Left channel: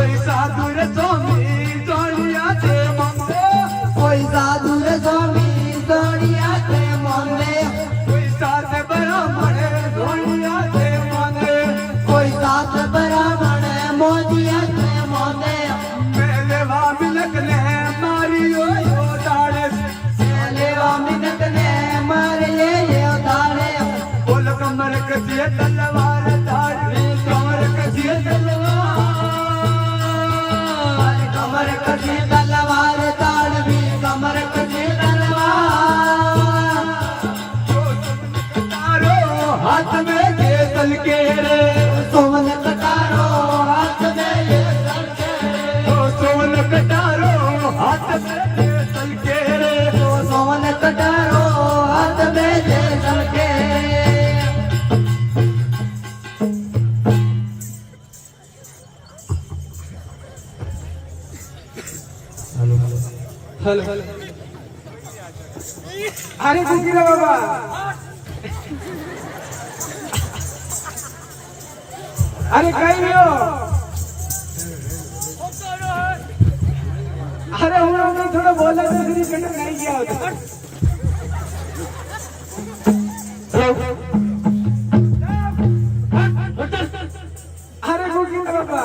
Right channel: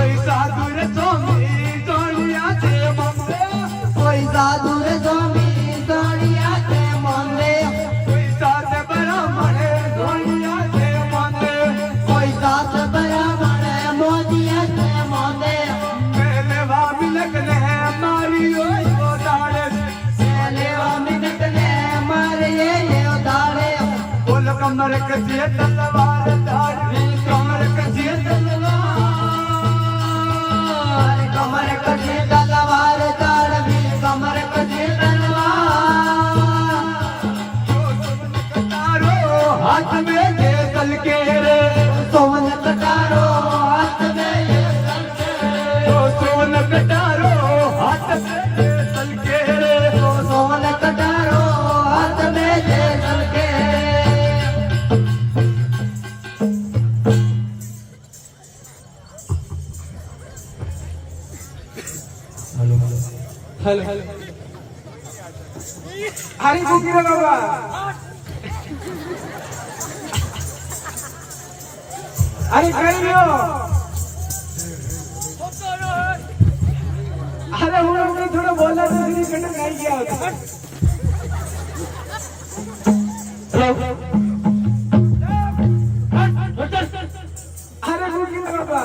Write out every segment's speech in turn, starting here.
કોઈ સાધુ રે સ્વામી સોણિયા છે મંદે કોઈ સાધુ રે સ્વામી સોણિયા છે મંદે કોઈ સાત બ્રાહ્મણે સોણિયા છે મંદે કોઈ સાત બ્રાહ્મણે મોદિયા છે મંદે મેલેવા મિલકને મારી ઓયો દાડે લેવા મિનકને મારે દાડે બોલ કમર કજીએ તલવાર ધારવી કમર કજીએ તલવાર કમર કજે તલવાર તાળવી કમર કજે તલવાર કટારો હાથ में ये तल के रे સોન કટારો હાથ મે सोन कटारो हाथ में ये तल के रे સોન કટારો હાથ મે જલકે हल अरे कुकीरा बाबा अरे कहीं हो अरे હું કઈ થોડો બોલા તો ફરી કટ નહીં ગયા હતો अरे कुकीरा बाबा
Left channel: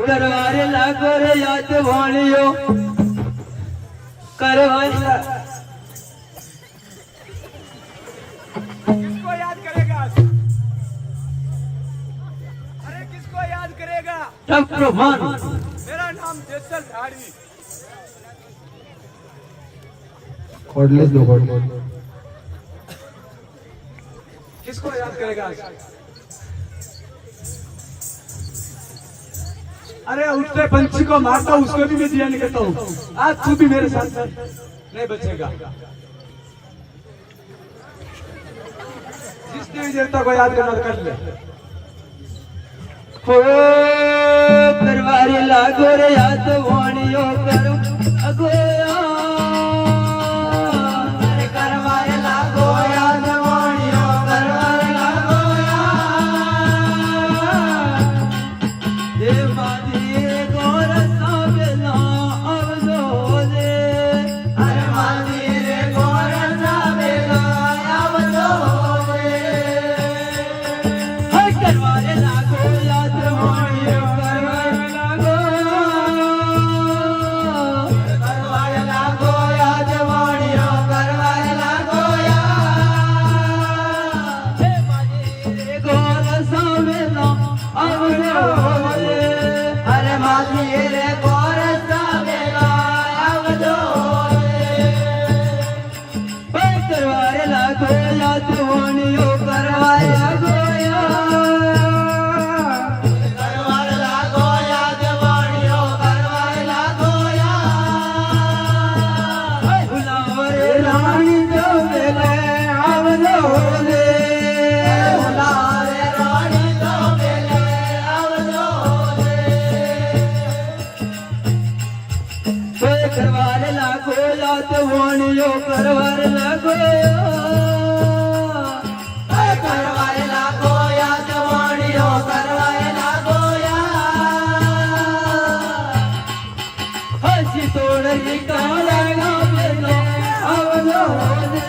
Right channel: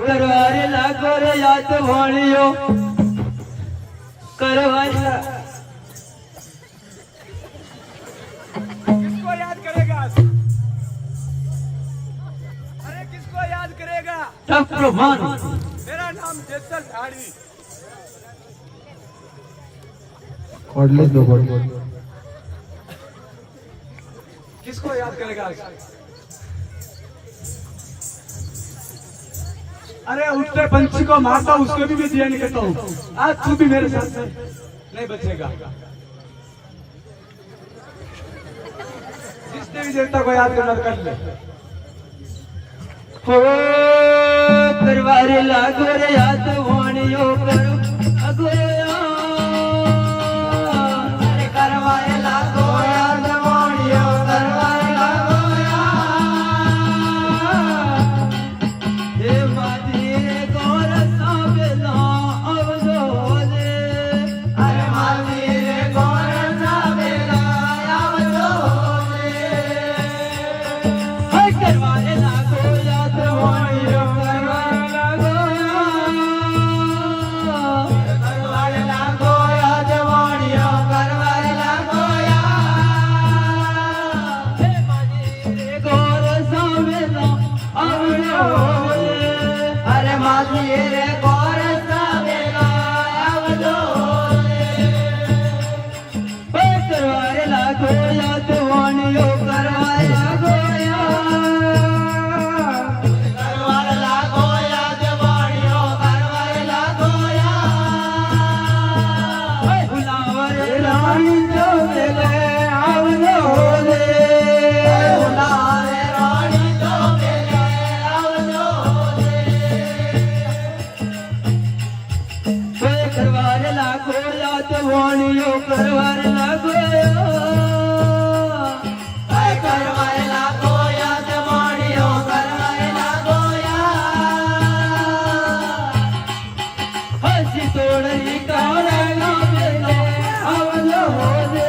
કરવારે લાગો રે યાદ વાળ્યો કરવારે किसको याद करेगा अरे किसको याद करेगा સંપ્રમાણ मेरा नाम जेसल धाड़ी खोडले दो खोडले किसको याद करेगा अरे उठते पंछी को मारता हूं उसको भी मैं दिया नहीं करता हूं आज तू भी मेरे साथ चल नहीं बचेगा जिसने भी जनता को याद करना कर ले હો કરવારે લાગો રે યાદ વાણિયો કરું અગોયા અરે કરવારે લાગો યાદ વાણિયો કરવારે લાગો એ માધી ગોર સાબેલા આવજો લે અરે માધી ગોર સાબેલા આવજો લે હે કરવારે લાગો યાદ વાણિયો કરવારે લાગો કરવારે લાગો યાદ વાણિયો કરવારે લાગો હે માધી ગોર સાબેલા આવજો લે અરે માધી રે ગોર સાબેલા આવજો લે કરવારે લાગો યાદ વાણિયો કરવારે લાગો કરવારે લાગો યાદ વાણિયો કરવારે લાગો ભુલાવરે રાણી જો વેલે આવજો લે ભુલાવરે રાણી જો વેલે આવજો લે કરવારે લાગો યાદ વાણિયો કરવારે લાગો કરવારે લાગો યાદ વાણિયો કરવારે લાગો હસી તોડલી કાળા ગાવેલો આવજો લે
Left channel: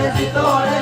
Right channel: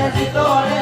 હસી તોડ